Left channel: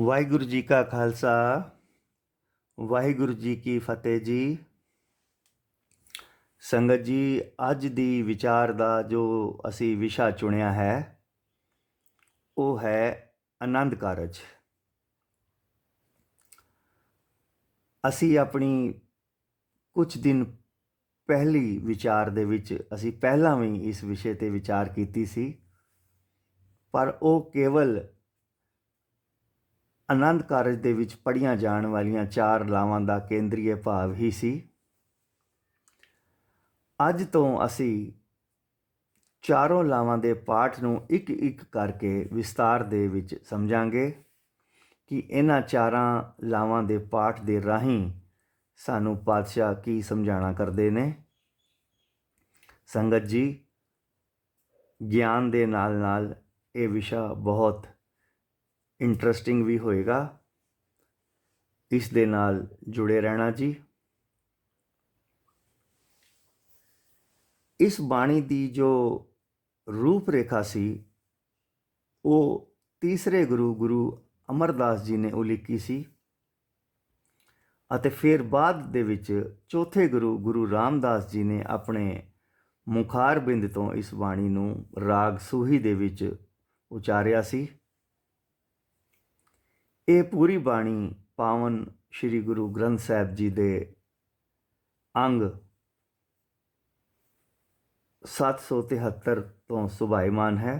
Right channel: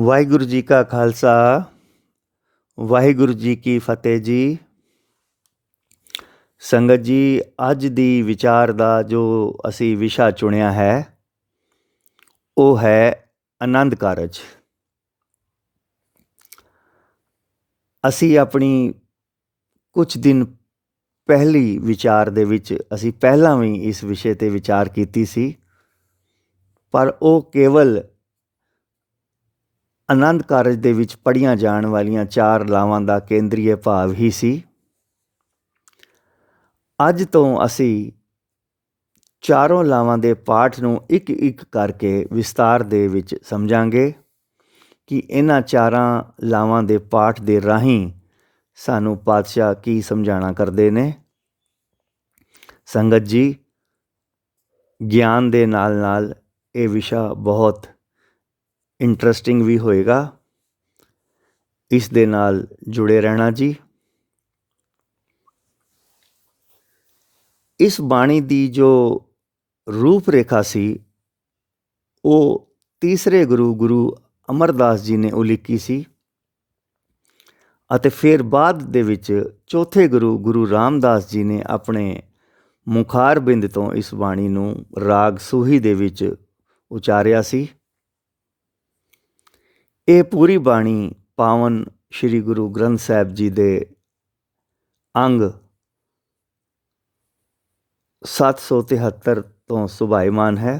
ਵਾਹਿਗੁਰੂ ਜੀ ਕਾ ਖਾਲਸਾ ਵਾਹਿਗੁਰੂ ਜੀ ਕੀ ਫਤਿਹ ਜੀ। ਸੰਗਤ ਜੀ, ਅੱਜ ਦੀ ਵਿਚਾਰ ਦਾ ਜੋ ਅਸੀਂ ਵਿਸ਼ਾ ਚੁਣਿਆ ਹੈ ਉਹ ਹੈ ਆਨੰਦ ਕਾਰਜ। ਅਸੀਂ ਆਪਣੀ ਕੁਝ ਦਿਨ ਪਹਿਲੀ ਵਿਚਾਰ ਦੇ ਵਿੱਚ ਅਸੀਂ ਪਹਿਲਾਂ ਵੀ ਇਸ ਵਿਸ਼ੇ 'ਤੇ ਵਿਚਾਰ ਕੀਤੀ ਸੀ, ਪਰ ਉਹ ਕੇਵਲ ਆਨੰਦ ਕਾਰਜ ਦੇ ਵਿੱਚ ਪੜ੍ਹੀਆਂ ਜਾਣ ਵਾਲੀਆਂ 4 ਲਾਵਾਂ ਦਾ ਕੇਂਦਰੀ ਭਾਵ ਹੀ ਸੀ। ਅੱਜ ਤੋਂ ਅਸੀਂ ਚਾਰੋਂ ਲਾਵਾਂ ਦੇ ਪਾਠ ਨੂੰ ਇੱਕ ਇੱਕ ਕਰਕੇ ਵਿਸਤਾਰ ਦੇ ਵਿੱਚ ਸਮਝਾਂਗੇ ਕਿ ਇਹਨਾਂ 4 ਲਾਵਾਂ ਦੇ ਪਾਠ ਦੇ ਰਾਹੀਂ ਸਾਨੂੰ ਪਾਤਸ਼ਾਹ ਕੀ ਸਮਝਾਉਣਾ ਕਰਦੇ ਨੇ। ਸੰਗਤ ਜੀ, ਗਿਆਨ ਦੇ ਨਾਲ ਨਾਲ ਇਹ ਵਿਸ਼ਾ ਬਹੁਤ ਇੰਟਰਸਟਿੰਗ ਵੀ ਹੋਏਗਾ। ਇਸ ਦੇ ਨਾਲ ਜੁੜੇ ਰਹਿਣਾ ਜੀ। ਇਸ ਬਾਣੀ ਦੀ ਜੋ ਰੂਪ ਰੇਖਾ ਸੀ ਉਹ ਤੀਸਰੇ ਗੁਰੂ ਅਮਰਦਾਸ ਜੀ ਨੇ ਉਲੀਕੀ ਸੀ, ਅਤੇ ਫਿਰ ਬਾਅਦ ਦੇ ਵਿੱਚ ਚੌਥੇ ਗੁਰੂ ਰਾਮਦਾਸ ਜੀ ਨੇ ਆਪਣੇ ਮੁਖਾਰਬਿੰਦ ਤੋਂ ਇਸ ਬਾਣੀ ਨੂੰ ਰਾਗ ਸੂਹੀ ਦੇ ਵਿੱਚ ਉਚਾਰਿਆ ਸੀ। ਇਹ ਪੂਰੀ ਬਾਣੀ ਪਾਵਨ ਸ਼੍ਰੀ ਗੁਰੂ ਗ੍ਰੰਥ ਸਾਹਿਬ ਜੀ ਦੇ ਅੰਗ 773 ਤੋਂ ਸੁਭਾਈਮਾਨ ਹੈ।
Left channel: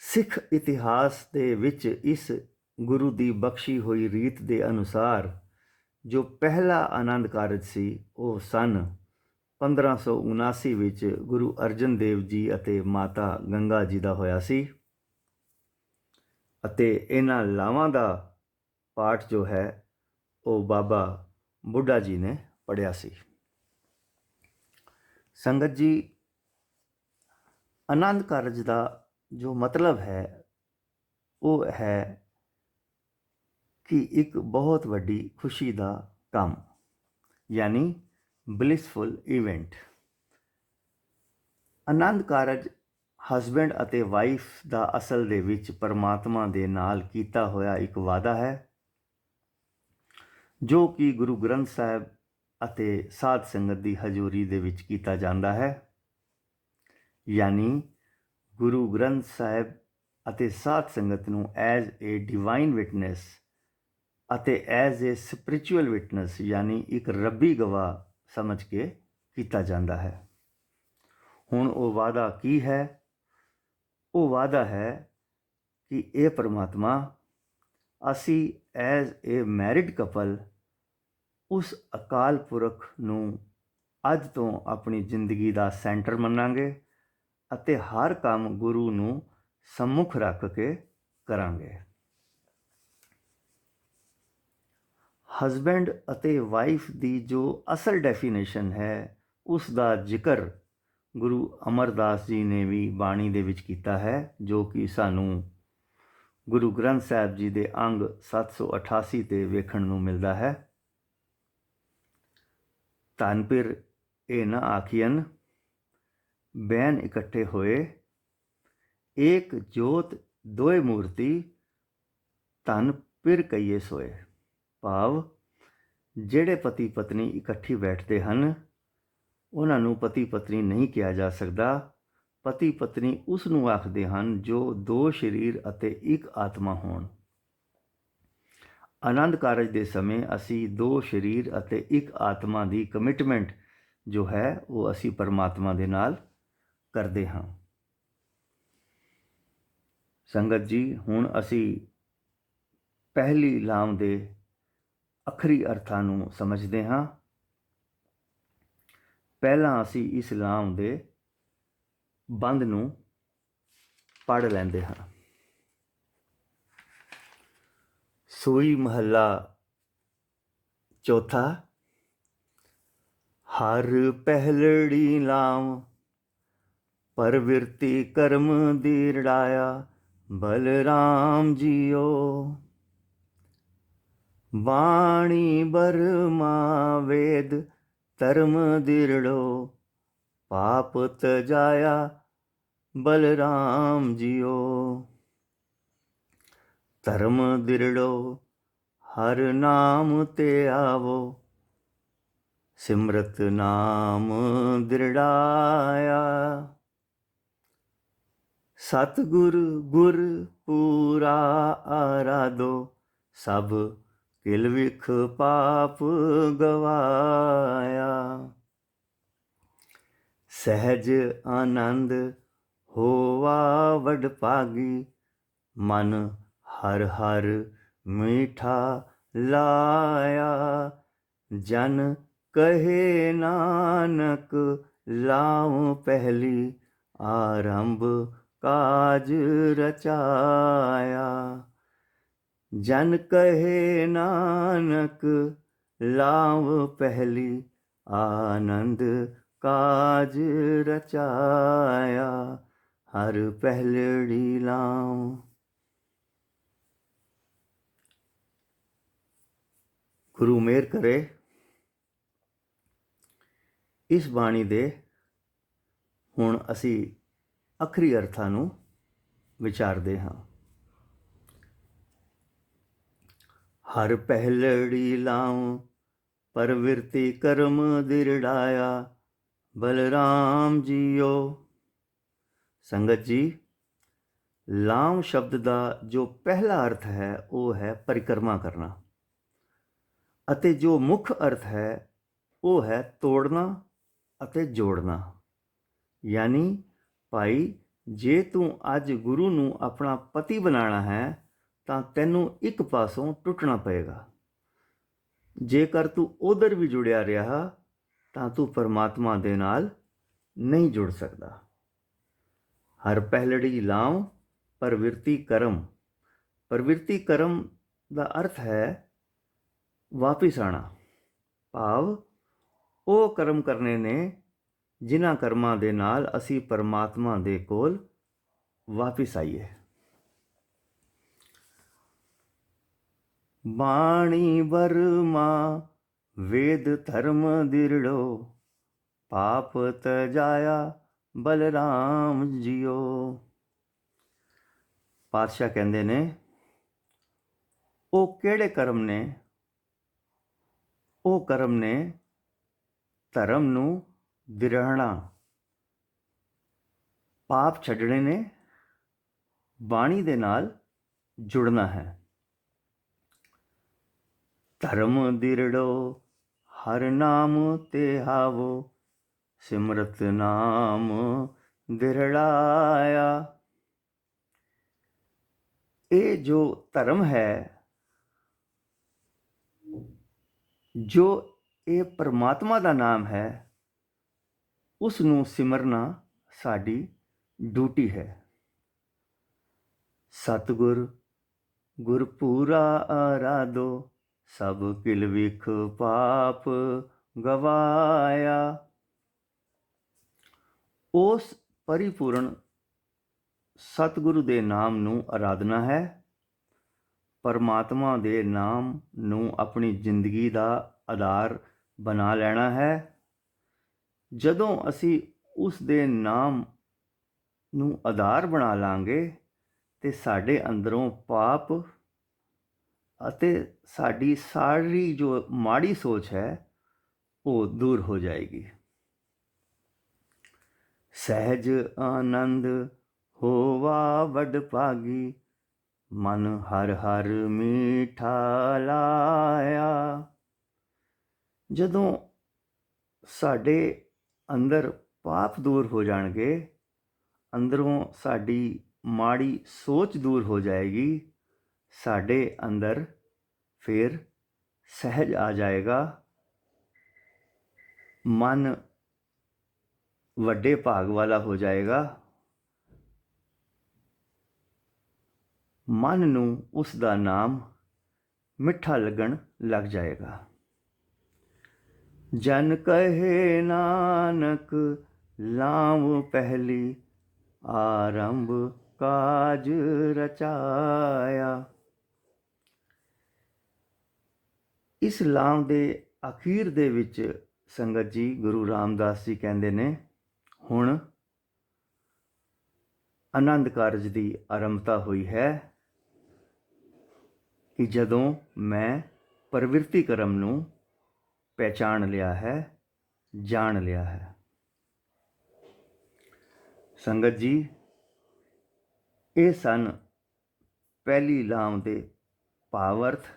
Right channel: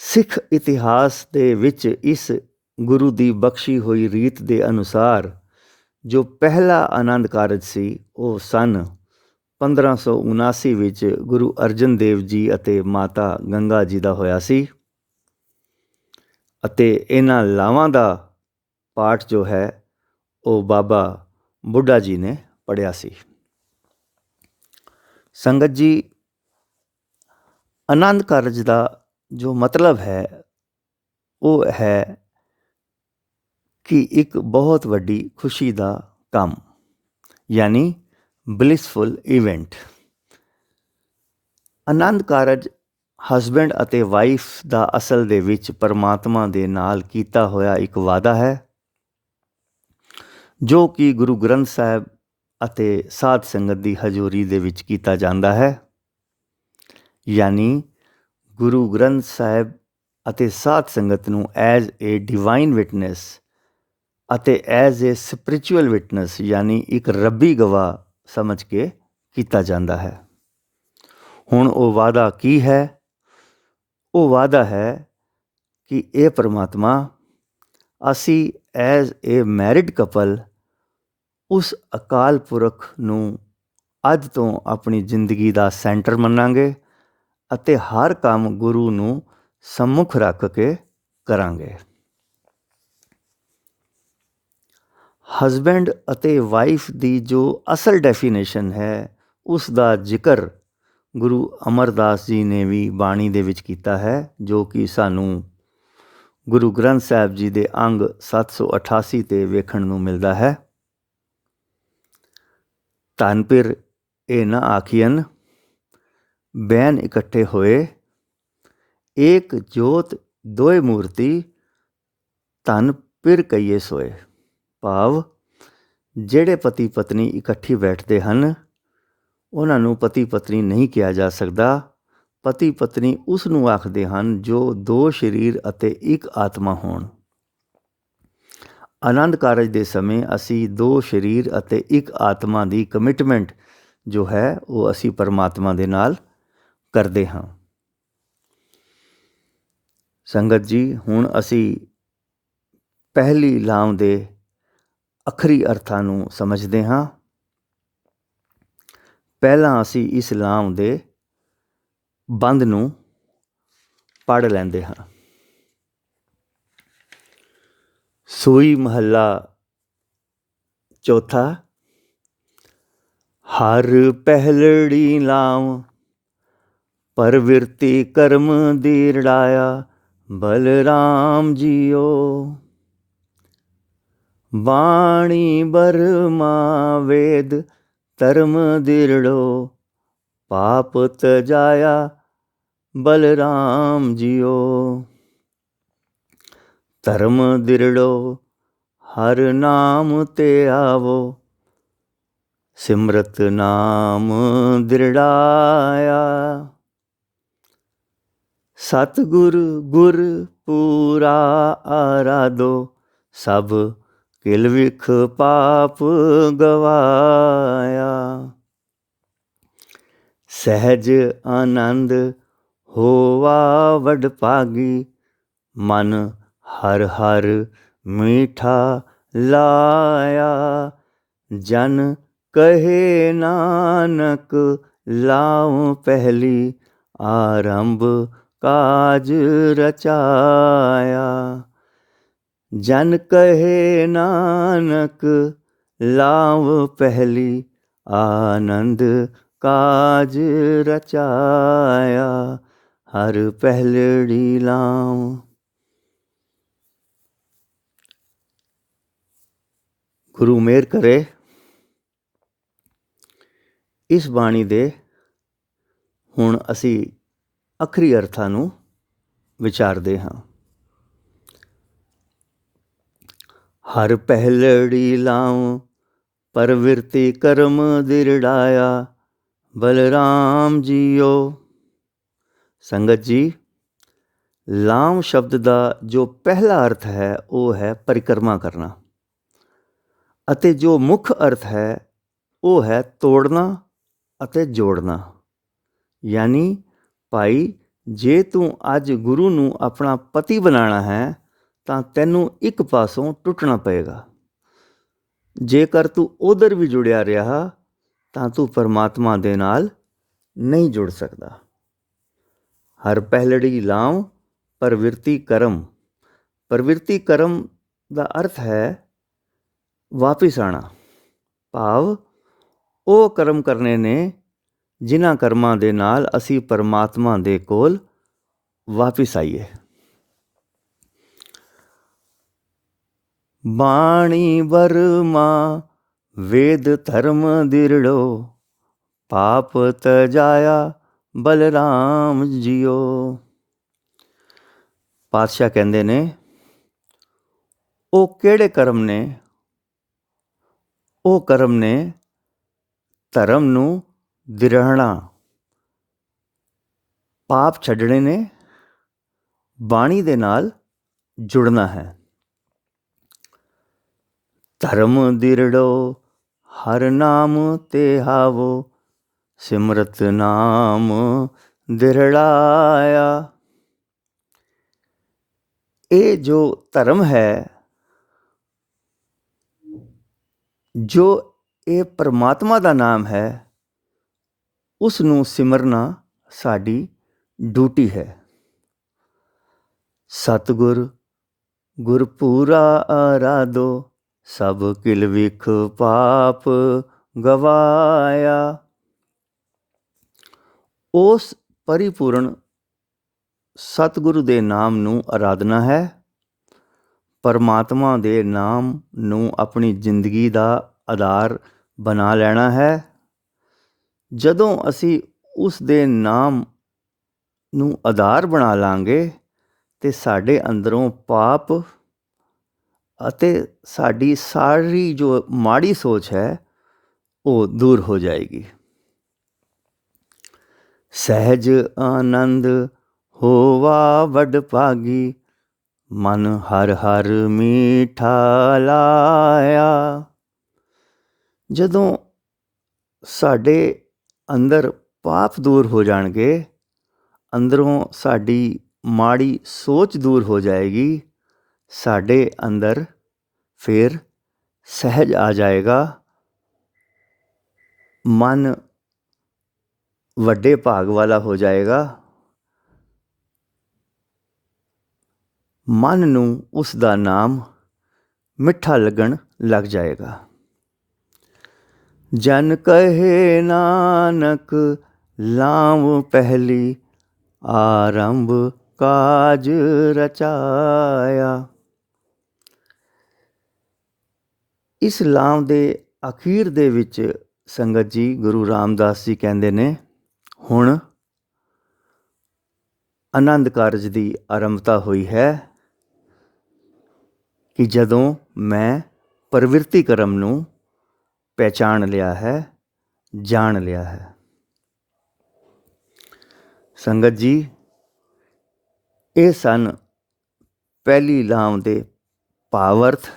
ਸਿੱਖ ਇਤਿਹਾਸ ਦੇ ਵਿੱਚ ਇਸ ਗੁਰੂ ਦੀ ਬਖਸ਼ੀ ਹੋਈ ਰੀਤ ਦੇ ਅਨੁਸਾਰ ਜੋ ਪਹਿਲਾ ਆਨੰਦ ਕਾਰਜ ਸੀ ਉਹ ਸਨ 1579 ਵਿੱਚ ਗੁਰੂ ਅਰਜਨ ਦੇਵ ਜੀ ਅਤੇ ਮਾਤਾ ਗੰਗਾ ਜੀ ਦਾ ਹੋਇਆ ਸੀ, ਅਤੇ ਇਹਨਾਂ ਲਾਵਾਂ ਦਾ ਪਾਠ ਜੋ ਹੈ ਉਹ ਬਾਬਾ ਬੁੱਢਾ ਜੀ ਨੇ ਪੜ੍ਹਿਆ ਸੀ। ਸੰਗਤ ਜੀ, ਆਨੰਦ ਕਾਰਜ ਦਾ ਜੋ ਮਤਲਬ ਹੈ ਉਹ ਹੈ ਕਿ ਇੱਕ ਬਹੁਤ ਵੱਡੀ ਖੁਸ਼ੀ ਦਾ ਕੰਮ, ਯਾਨੀ blissful event. Anand Karaj husband ਅਤੇ ਵਾਈਫ ਦਾ ਅਸਲ ਦੇ ਵਿੱਚ ਪਰਮਾਤਮਾ ਦੇ ਨਾਲ ਕੀਤਾ ਹੋਇਆ ਇੱਕ ਵਾਅਦਾ ਹੈ, ਜੋ ਕਿ ਗੁਰੂ ਗ੍ਰੰਥ ਸਾਹਿਬ ਅਤੇ ਸਾਧ ਸੰਗਤ ਦੀ ਹਜ਼ੂਰੀ ਦੇ ਵਿੱਚ ਕੀਤਾ ਜਾਂਦਾ ਹੈ। ਯਾਨੀ ਗੁਰੂ ਗ੍ਰੰਥ ਸਾਹਿਬ ਅਤੇ ਸਾਧ ਸੰਗਤ ਨੂੰ ਐਜ਼ ਏ ਡਿਵਾਈਨ ਵਿਟਨੈਸ ਅਤੇ ਐਜ਼ ਏ ਸਪਿਰਿਚੁਅਲ ਵਿਟਨੈਸ, ਯਾਨੀ ਇੱਕ ਰੱਬੀ ਗਵਾਹ ਸਮਝ ਕੇ ਕੀਤਾ ਜਾਂਦਾ ਹੈ। ਹੁਣ ਉਹ ਵਾਅਦਾ ਕੀ ਹੈ? ਉਹ ਵਾਅਦਾ ਹੈ ਕਿ ਇਹ ਪਰਮਾਤਮਾ, ਅਸੀਂ ਐਜ਼ ਏ ਮੈਰਿਡ ਕਪਲ ਉਸ ਅਕਾਲ ਪੁਰਖ ਨੂੰ ਅੱਜ ਤੋਂ ਆਪਣੀ ਜ਼ਿੰਦਗੀ ਦਾ ਸੈਂਟਰ ਮੰਨਾਂਗੇ ਅਤੇ ਹਰ ਕੰਮ ਗੁਰੂ ਨੂੰ ਸੰਮੁਖ ਰੱਖ ਕੇ ਕਰਾਂਗੇ। ਹਸਬੈਂਡ ਅਤੇ ਵਾਈਫ ਦੀ ਜੋ ਅਸਲ ਡੈਫੀਨੇਸ਼ਨ ਹੈ ਉਸ ਦਾ ਜ਼ਿਕਰ ਗੁਰੂ ਅਮਰਦਾਸ ਜੀ ਨੇ ਵੀ ਬਾਣੀ ਦੇ ਵਿੱਚ ਕੀਤਾ ਹੈ, ਜੋ ਕਿ ਸਾਨੂੰ ਗੁਰੂ ਗ੍ਰੰਥ ਸਾਹਿਬ ਜੀ ਦੇ ਅੰਗ 788 ਤੇ ਵੇਖਣ ਨੂੰ ਮਿਲਦਾ ਹੈ। ਧਨ ਪਿਰ ਇਹ ਨਾ ਆਖੀਅਨ, ਬੈਨ ਇਕੱਠੇ ਹੋਏ, ਏਕ ਜੋਤ ਦੋਏ ਮੂਰਤੀ, ਧਨ ਪਿਰ ਕਈਏ ਸੋਏ। ਭਾਵ ਜਿਹੜੇ ਪਤੀ ਪਤਨੀ ਇਕੱਠੀ ਬੈਠਦੇ ਹਨ ਉਹਨਾਂ ਨੂੰ ਪਤੀ ਪਤਨੀ ਨਹੀਂ ਕਿਹਾ ਜਾ ਸਕਦਾ। ਪਤੀ ਪਤਨੀ ਉਸ ਨੂੰ ਆਖਦੇ ਹਨ ਜੋ 2 ਸਰੀਰ ਅਤੇ ਇੱਕ ਆਤਮਾ ਹੋਣ। ਆਨੰਦ ਕਾਰਜ ਦੇ ਸਮੇਂ ਅਸੀਂ 2 ਸਰੀਰ ਅਤੇ ਇੱਕ ਆਤਮਾ ਦੀ ਕਮਿਟਮੈਂਟ ਜੋ ਹੈ ਉਹ ਅਸੀਂ ਪਰਮਾਤਮਾ ਦੇ ਨਾਲ ਕਰਦੇ ਹਾਂ। ਸੰਗਤ ਜੀ, ਹੁਣ ਅਸੀਂ ਪਹਿਲੀ ਲਾਮ ਦੇ ਅੱਖਰੀ ਅਰਥਾਂ ਨੂੰ ਸਮਝਦੇ ਹਾਂ। ਪਹਿਲਾਂ ਅਸੀਂ ਇਸ ਲਾਮ ਦੇ ਬੰਦ ਨੂੰ ਪੜ੍ਹ ਲੈਂਦੇ ਹਾਂ। ਸੋਈ ਮਹੱਲਾ ਚੌਥਾ। ਹਰ ਪਹਿਲੜੀ ਲਾਮ, ਪਰਵਿਰਤੀ ਕਰਮ ਦੀ ਰੜਾਇਆ, ਬਲਰਾਮ ਜੀਓ। ਬਾਣੀ ਬਰਮਾ ਵੇਦ ਧਰਮ ਦਿਰੜੋ, ਪਾਪ ਤਜਾਇਆ, ਬਲਰਾਮ ਜੀਓ। ਧਰਮ ਦਿਰੜੋ ਹਰ ਨਾਮ ਤੇ ਆਵੋ, ਸਿਮਰਤ ਨਾਮ ਦਿਰੜਾਇਆ। ਸਤਿਗੁਰ ਗੁਰ ਪੂਰਾ ਆਰਾਧੋ, ਸਭ ਕਿਲ ਵਿਖ ਪਾਪ ਗਵਾਇਆ। ਸਹਿਜ ਆਨੰਦ ਹੋਵਾ ਵਡ ਭਾਗੀ, ਮਨ ਹਰ ਹਰ ਮੀਠਾ ਲਾਇਆ। ਜਨ ਕਹੇ ਨਾਨਕ ਲਾਉ ਪਹਿਲੀ, ਆਰੰਭ ਕਾਜ ਰਚਾਇਆ। ਜਨ ਕਹੇ ਨਾਨਕ ਲਾਉ ਪਹਿਲੀ, ਆਨੰਦ ਕਾਜ ਰਚਾਇਆ। ਹਰ ਪਹਿਲੜੀ ਲਾਉ। ਗੁਰੂ ਮਿਹਰ ਕਰੇ ਇਸ ਬਾਣੀ ਦੇ ਹੁਣ ਅਸੀਂ ਅੱਖਰੀ ਅਰਥਾਂ ਨੂੰ ਵਿਚਾਰਦੇ ਹਾਂ। ਹਰ ਪਹਿਲੜੀ ਲਾਉ ਪਰਵਿਰਤੀ ਕਰਮ ਦਿਰੜਾਇਆ, ਬਲਰਾਮ ਜੀਓ। ਸੰਗਤ ਜੀ, ਲਾਮ ਸ਼ਬਦ ਦਾ ਜੋ ਪਹਿਲਾ ਅਰਥ ਹੈ ਉਹ ਹੈ ਪਰਿਕਰਮਾ ਕਰਨਾ, ਅਤੇ ਜੋ ਮੁੱਖ ਅਰਥ ਹੈ ਉਹ ਹੈ ਤੋੜਨਾ ਅਤੇ ਜੋੜਨਾ। ਯਾਨੀ ਭਾਈ, ਜੇ ਤੂੰ ਅੱਜ ਗੁਰੂ ਨੂੰ ਆਪਣਾ ਪਤੀ ਬਣਾਉਣਾ ਹੈ ਤਾਂ ਤੈਨੂੰ ਇੱਕ ਪਾਸੋਂ ਟੁੱਟਣਾ ਪਏਗਾ। ਜੇਕਰ ਤੂੰ ਉਧਰ ਵੀ ਜੁੜਿਆ ਰਿਹਾ ਤਾਂ ਤੂੰ ਪਰਮਾਤਮਾ ਦੇ ਨਾਲ ਨਹੀਂ ਜੁੜ ਸਕਦਾ। ਹਰ ਪਹਿਲੜੀ ਲਾਉ ਪ੍ਰਵਿਰਤੀ ਕਰਮ। ਪ੍ਰਵਿਰਤੀ ਕਰਮ ਦਾ ਅਰਥ ਹੈ ਵਾਪਿਸ ਆਉਣਾ, ਭਾਵ ਉਹ ਕਰਮ ਕਰਨੇ ਨੇ ਜਿਨ੍ਹਾਂ ਕਰਮਾਂ ਦੇ ਨਾਲ ਅਸੀਂ ਪਰਮਾਤਮਾ ਦੇ ਕੋਲ ਵਾਪਿਸ ਆਈਏ। ਬਾਣੀ ਬਰਮਾ ਵੇਦ ਧਰਮ ਦਿਰੜੋ, ਪਾਪ ਤਜਾਇਆ ਬਲਰਾਮ ਜੀਓ। ਪਾਤਸ਼ਾਹ ਕਹਿੰਦੇ ਨੇ, ਉਹ ਕਿਹੜੇ ਕਰਮ ਨੇ? ਉਹ ਕਰਮ ਨੇ ਧਰਮ ਨੂੰ ਦਿਰਹਣਾ, ਪਾਪ ਛੱਡਣੇ ਨੇ, ਬਾਣੀ ਦੇ ਨਾਲ ਜੁੜਨਾ ਹੈ। ਧਰਮ ਦਿਰੜੋ ਹਰ ਨਾਮ ਤੇ ਹਾਵੋ, ਸਿਮਰਤ ਨਾਮ ਦਿਰੜਾਇਆ। ਇਹ ਜੋ ਧਰਮ ਹੈ, ਜੋ ਇਹ ਪਰਮਾਤਮਾ ਦਾ ਨਾਮ ਹੈ, ਉਸ ਨੂੰ ਸਿਮਰਨਾ ਸਾਡੀ ਡਿਊਟੀ ਹੈ। ਸਤਿਗੁਰ ਗੁਰ ਪੂਰਾ ਆਰਾਧੋ, ਸਭ ਕਿਲ ਵਿਖ ਪਾਪ ਗਵਾਇਆ। ਉਸ ਪਰਿਪੂਰਨ ਸਤਿਗੁਰੂ ਦੇ ਨਾਮ ਨੂੰ ਆਰਾਧਨਾ ਹੈ। ਪਰਮਾਤਮਾ ਦੇ ਨਾਮ ਨੂੰ ਆਪਣੀ ਜ਼ਿੰਦਗੀ ਦਾ ਆਧਾਰ ਬਣਾ ਲੈਣਾ ਹੈ। ਜਦੋਂ ਅਸੀਂ ਉਸ ਦੇ ਨਾਮ ਨੂੰ ਆਧਾਰ ਬਣਾ ਲਾਂਗੇ ਤੇ ਸਾਡੇ ਅੰਦਰੋਂ ਪਾਪ ਅਤੇ ਸਾਡੀ ਸਾਰੀ ਜੋ ਮਾੜੀ ਸੋਚ ਹੈ ਉਹ ਦੂਰ ਹੋ ਜਾਏਗੀ। ਸਹਿਜ ਆਨੰਦ ਹੋਵਾ ਵਡ ਭਾਗੀ, ਮਨ ਹਰ ਹਰ ਮੀਠਾ ਲਾਇਆ। ਜਦੋਂ ਸਾਡੇ ਅੰਦਰ ਪਾਪ ਦੂਰ ਹੋ ਜਾਣਗੇ, ਅੰਦਰੋਂ ਸਾਡੀ ਮਾੜੀ ਸੋਚ ਦੂਰ ਹੋ ਜਾਏਗੀ, ਸਾਡੇ ਅੰਦਰ ਫਿਰ ਸਹਿਜ ਆ ਜਾਏਗਾ। ਮਨ ਵੱਡੇ ਭਾਗ ਵਾਲਾ ਹੋ ਜਾਏਗਾ। ਮਨ ਨੂੰ ਉਸ ਦਾ ਨਾਮ ਮਿੱਠਾ ਲੱਗਣ ਲੱਗ ਜਾਏਗਾ। ਜਨ ਕਹੇ ਨਾਨਕ ਲਾਉ ਪਹਿਲੀ, ਆਰੰਭ ਕਾਜ ਰਚਾਇਆ। ਇਸ ਲਾਮ ਦੇ ਅਖੀਰ ਦੇ ਵਿੱਚ ਸੰਗਤ ਜੀ, ਗੁਰੂ ਰਾਮਦਾਸ ਜੀ ਕਹਿੰਦੇ ਨੇ, ਹੁਣ ਆਨੰਦ ਕਾਰਜ ਦੀ ਆਰੰਭਤਾ ਹੋਈ ਹੈ। ਕਿ ਜਦੋਂ ਮੈਂ ਪ੍ਰਵਿਰਤੀ ਕਰਮ ਨੂੰ ਪਹਿਚਾਣ ਲਿਆ ਹੈ, ਜਾਣ ਲਿਆ ਹੈ। ਸੰਗਤ ਜੀ, ਇਹ ਸਨ ਪਹਿਲੀ ਲਾਮ ਦੇ ਭਾਵ ਅਰਥ।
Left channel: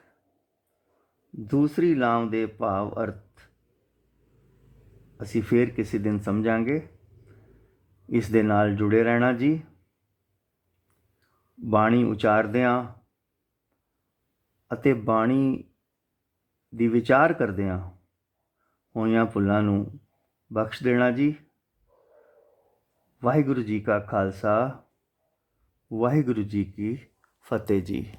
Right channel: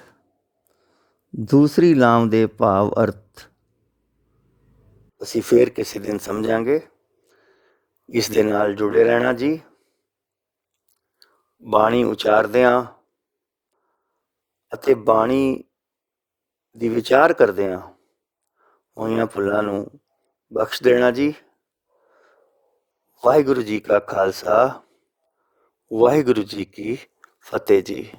ਦੂਸਰੀ ਲਾਮ ਦੇ ਭਾਵ ਅਰਥ ਅਸੀਂ ਫੇਰ ਕਿਸੇ ਦਿਨ ਸਮਝਾਂਗੇ। ਇਸ ਦੇ ਨਾਲ ਜੁੜੇ ਰਹਿਣਾ ਜੀ। ਬਾਣੀ ਉਚਾਰਦਿਆਂ ਅਤੇ ਬਾਣੀ ਦੀ ਵਿਚਾਰ ਕਰਦਿਆਂ ਹੋਈਆਂ ਭੁੱਲਾਂ ਨੂੰ ਬਖਸ਼ ਦੇਣਾ ਜੀ। ਵਾਹਿਗੁਰੂ ਜੀ ਕਾ ਖਾਲਸਾ, ਵਾਹਿਗੁਰੂ ਜੀ ਕੀ ਫਤਿਹ ਜੀ।